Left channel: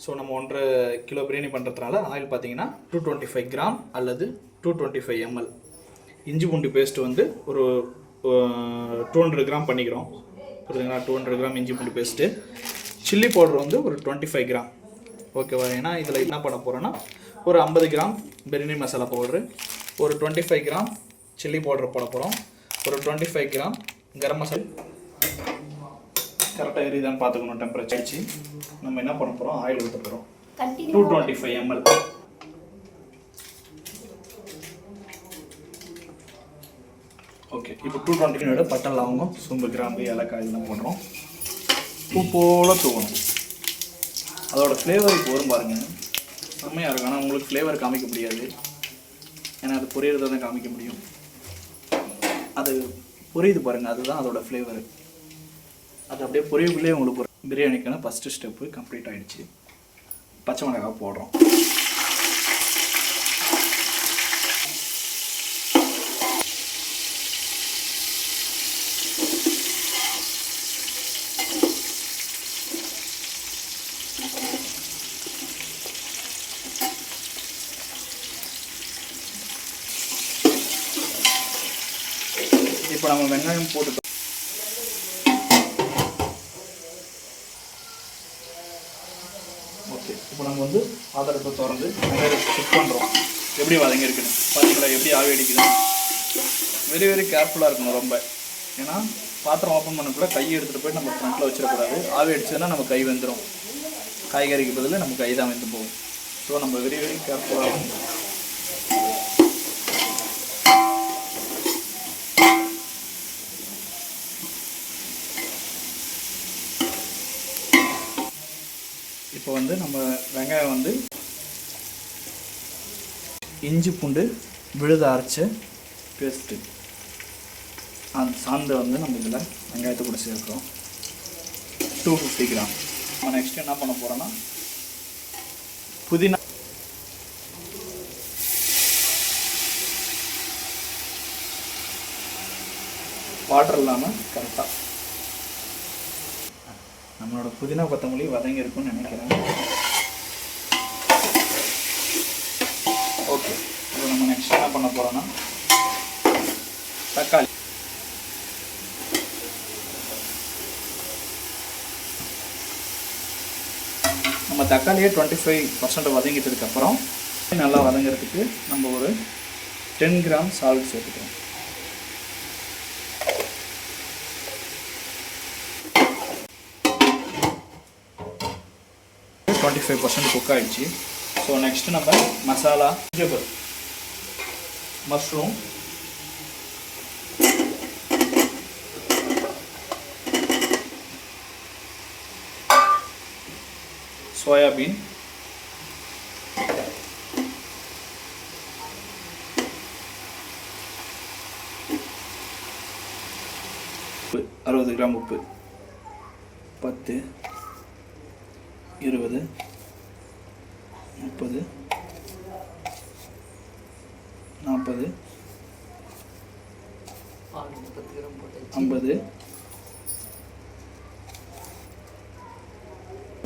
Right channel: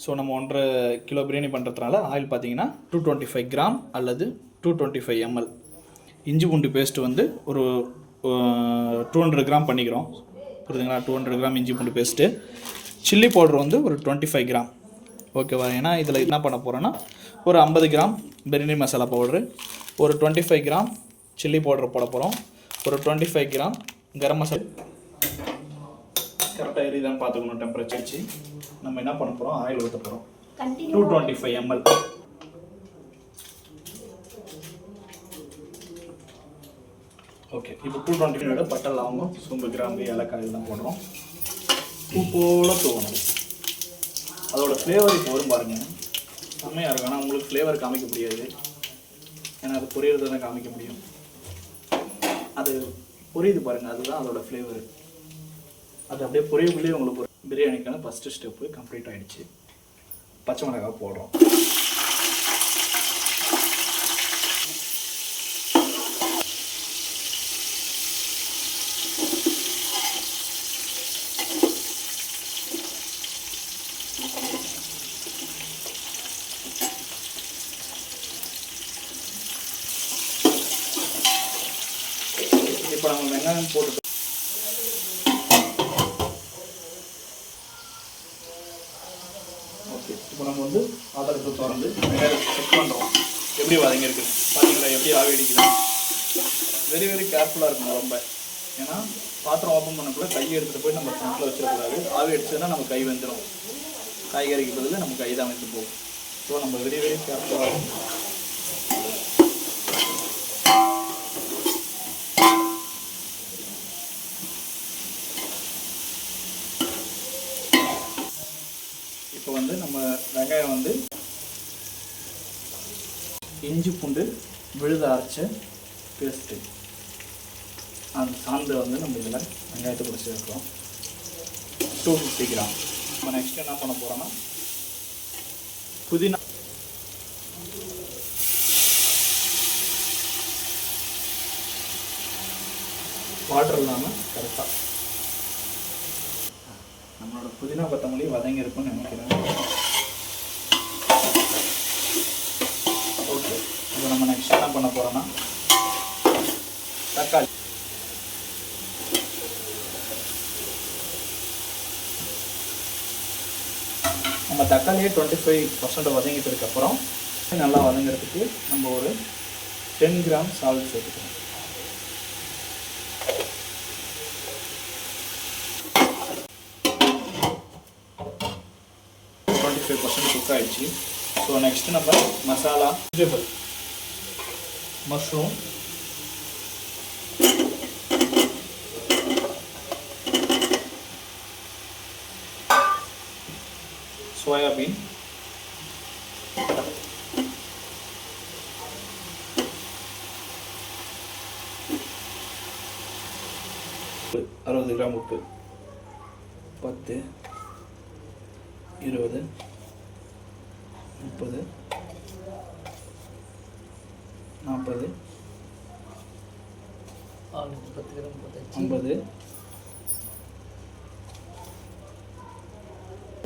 So நம்ம 1.5 kilo biryani பண்ணுறதுனால oil பார்த்தீங்கன்னா 225 கிராம் அல்லது 225 ml. இஞ்சி பூண்டு பேஸ்ட்டு வந்து ஒரு 200 கிராம் பண்ணிக்கிறோம். புரியுதுங்களா? 200 கிராம் இஞ்சி பூண்டு பேஸ்ட்டு. சில்லி பவுடர் வந்து ஒரு 25 கிராம். ஓகேவா? ஏன்னா இதில் என்ன பண்ண போகிறோன்னா ஒரு 50 கிராம் பிரியாணி மசாலா பவுட்ரு, ஒரு 25 கிராம் சில்லி பவுடர் போட போகிறோம், ஒரு 25 கிராம் கரம் மசாலா. கரெக்டாக எரியுதான்னு பார்த்துக்கணும். டெம்பரேச்சர் வச்சு நம்ம என்ன பண்ண போகிறோம், ஆயில் ஊற்ற போகிறோம் 225 ml. ஓகே, இப்போ 225 பட்டை லவங்கம் சோம்பு கிராம்பு ஏலக்காய் இதெல்லாம் போடுறோம். பூ போல் தூவணும். அதோட ஃப்ளேவர் இப்போ வரும் பாருங்கள், செம்மையாக இருக்கும். ஆனால் உங்களுக்கு ஃப்ளேவர் காமிக்க முடியாது, ஏன்னா அது பொரியறதை தான் காமிக்க முடியும். அது புரியுது பாருங்கள், அதுதான் அதோட ஃப்ளேவரு. அது அப்படியே பொரியக்குள்ளேயே உங்களுக்கு பிரியாணிக்கான ஃபஸ்ட்டு ஸ்டெப்பு கம்ப்ளீட் ஆகிடுச்சு. பச்சை மிளகாய் போடுறோம். இப்போ நம்ம வெங்காயம் போட்டு இப்போ நம்ம வந்து ஆதாரத்தை திறந்து வெங்காயத்தை செக் பண்ணுறோம் எப்படி வதங்கியிருக்குன்னு. பார்த்தீங்களா எப்படி ஆவி அடிக்குது? வெரி வெரி கேர்ஃபுல்லாக இருக்கணும் ரொம்ப. ஏன்னா பாத்திரம் ஓப்பன் பண்ணக்குள்ள கையை எடுத்துகிட்டு போய் நம்ம ஃப்ரண்ட்டில் வச்சிடக்கூடாது. ஆவி அடிச்சதுன்னா நம்ம கை வெந்துடும். காய்கறிக்கு பதில் நம்ம கை தான் வெந்து போகும். ஸோ நம்ம வெரி வெரி கேர்ஃபுல்லாக இருக்கணும். இப்போ வந்து நம்ம வெங்காயம் வந்து இஞ்சி பூண்டு விழுத அரைச்ச பேஸ்ட்டு அந்த சாந்தை வந்து நம்ம இதில் வெங்காயத்தை கூட சேர்க்கிறோம். 250 கிராம். நம்ம நெக்ஸ்ட் என்ன பண்ண போகிறோன்னா புதினா. வாட்டர் இல்லாமல் கரெக்டாக நம்மளோட புதினா கொத்தமல்லி வதங்கி இருக்கும்னு நினைக்கிறேன். ஓகே, இது நம்ம நெக்ஸ்ட் என்ன பண்ண போகிறோன்னா தக்காளி. நம்ம தக்காளியே 25% வதங்கிட்டதுக்கப்புறம் நல்லா வதங்கிறதுக்கு நம்ம ஒரு 10 கிராம் சால்ட் சேர்த்துக்கிறோம். குக் ஆகிடுச்சு. ஸோ நெக்ஸ்ட்டு நம்ம மசாலா, வெஜிடபிள், மஷ்ரூம், சோயாபீன், உப்பு 60 கிராம் உப்பு, 10, 20, 30, 40, 50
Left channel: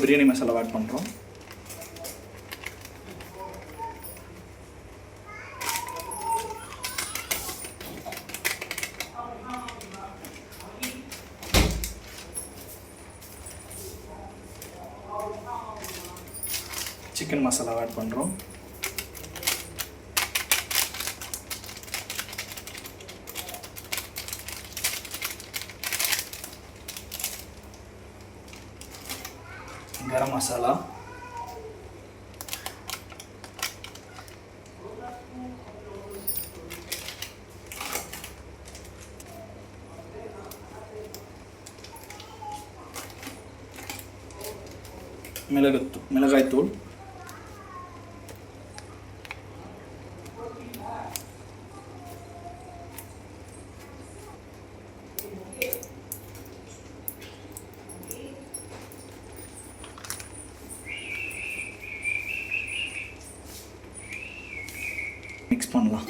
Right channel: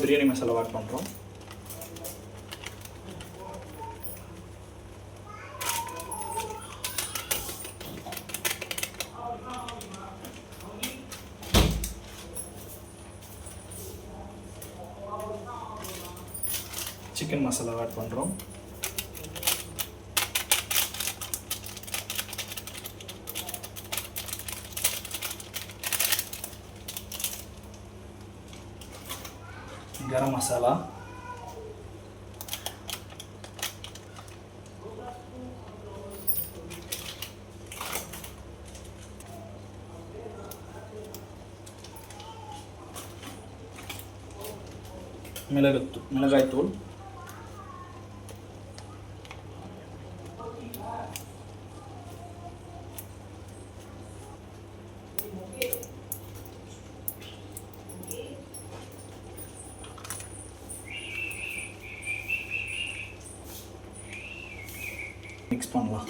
பிரியாணி மசாலா ஆட் பண்ணுறோம். சிக்கன் மசாலா ஆட் பண்ணுறோம். கரம் மசாலா, மிளகாய்த்தூள், மிக்ஸ் பண்ணலாம்.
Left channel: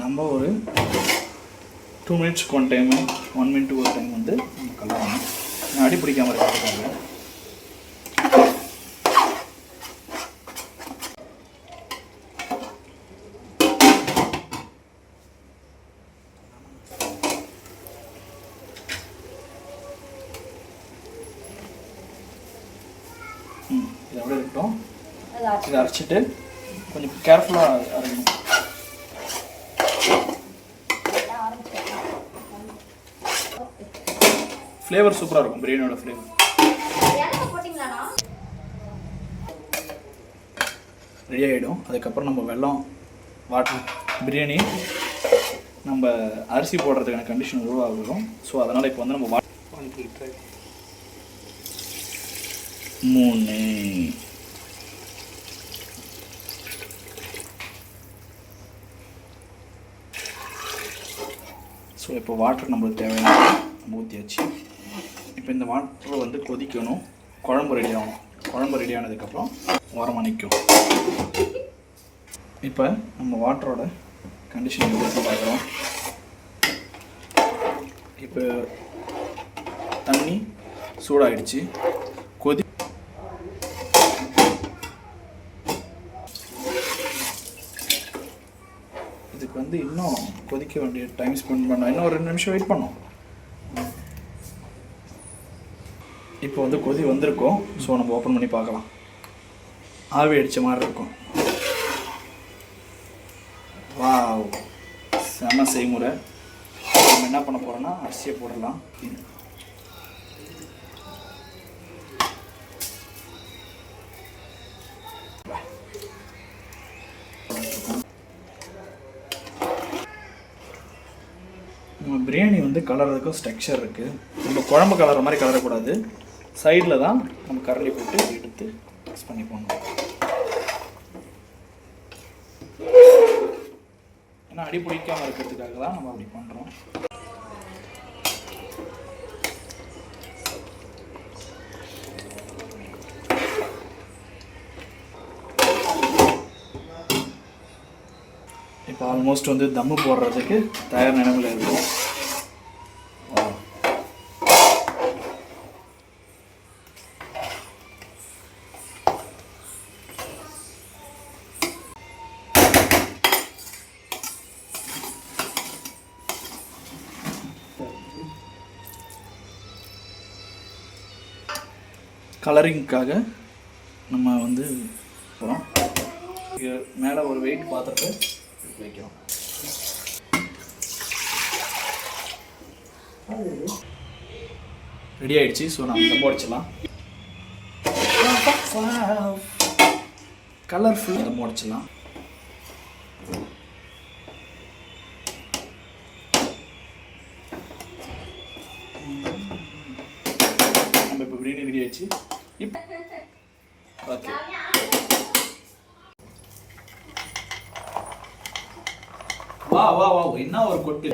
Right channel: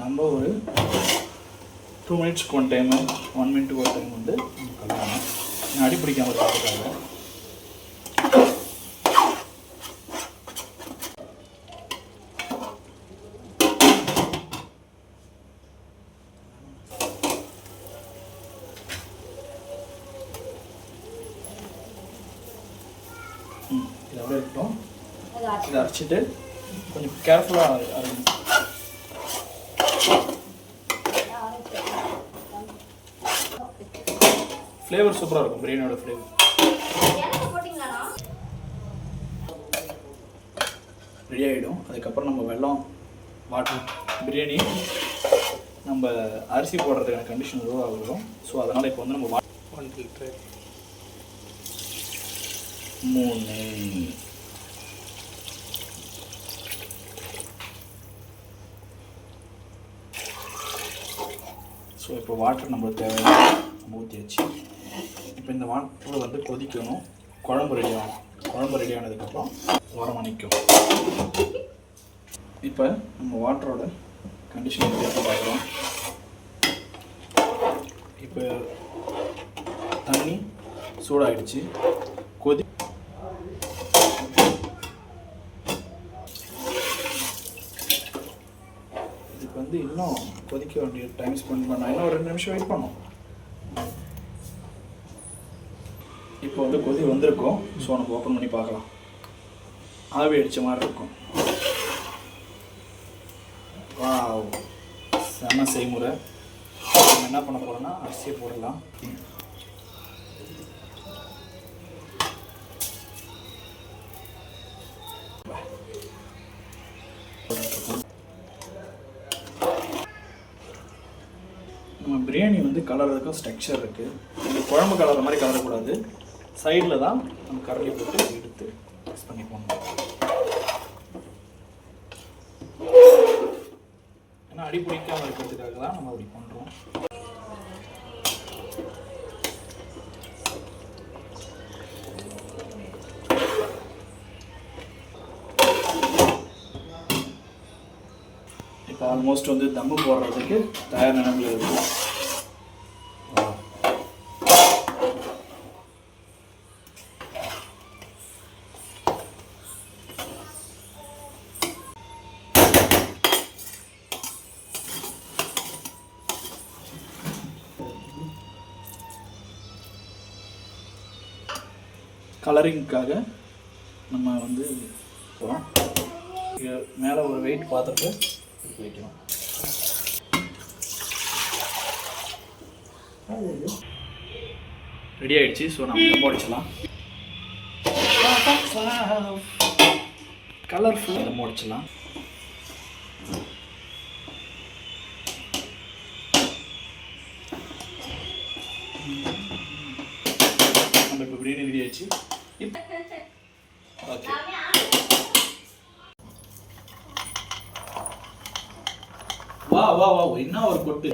நம்ம ஒரு 2 மினிட்ஸ்க்கு ஒன் டைமு 1 மினிட்டுக்கு ஒரு டைம் வந்து கலரணும். அடி பிடிக்காமல் இருக்கிறதுக்காக. இது அப்படியே இருக்கட்டும். இதை அரைச்சிட்டு கொஞ்சம் கேர்ஃபுல்லாக அரைக்கணும். ஃப்ளேவர் சூப்பராக இருக்கும், பிரியாணியோட ஃப்ளேவர். ரெடி ஆகிடும். அதுக்கப்புறம் நம்ம வெல்லம், வாட்டர், பிரியாணி நம்ம அரிசி போடுறதுக்கான கண்டிஷன் எவ்வளோ ஆகும். ஸோ அதனால் இப்போ வந்து நம்ம 1 லிட்டர் 3. ஸோ இப்போ வாட்டர் நம்மளுக்கு தேவையான நம்ம ஊற்றியாச்சு. இப்போ இந்த வாட்டர் வந்து கொதிக்கணும். குழம்பு ரெடி ஆகணும். குழம்பு ரெடி ஆனதுக்கப்புறம் ஓரமாக நிற்கும். இப்போ நம்ம வாட்டரோட கண்டிஷன் எப்படி பார்க்குறோம். இப்போ தண்ணி சூடாகிடுச்சு. கொதி இதுக்கு வந்து இன்னும் கொதிக்க வேண்டிய டைம் ஸ்பெண்ட் பண்ணோம். இன்னும் ஒரு 2 நிமிஷம் வெயிட் பண்ணோம். இப்போ வந்து கொதி வந்திருக்கோம். ஸோ நம்ம ஓப்பன் பண்ணி பார்க்கலாம். ஆவி அடித்த மாதிரி இருக்கும். வாவ், செம செய்முறை. நம்ம என்ன பண்ண போகிறோம்னா அரிசியை போடலாம். நம்ம பிரியாணி வந்து கலர்றதுக்கும் ஸ்ட்ரக்சர் இருக்குது. நம்ம குழம்பு கலர மாதிரி கலரக்கூடாது. சைடில் தான் நம்ம கரண்டி போட்டு எடுத்து மிக்ஸ் பண்ணி போடணும். ஏன்னா அடி பிடிக்காமல் இருக்கிறதுக்காக தான் நம்ம அப்படி பண்ணுறோம். இப்போ ஆல்மோஸ்ட் வந்து தம்மு போடுறதுக்கு தயார் நிலைமையில் இருக்குது. கலரிங்க்காக நம்ம வந்து போகிறோம். மேலே ஒரு வெயிட் பாத்திரத்தை வைக்கிறோம். ரெடி ஆகிடுச்சு. ஸோ நம்ம தம் உடைச்சிடலாம். கலர்ஃபுல் தம் உடைச்சிடலாம். நம்ம இப்போ பிரியாணி ரெடி ஆயிடுச்சு. ஓகே, வா வா வா, என்ன ஒரு கொட்டு.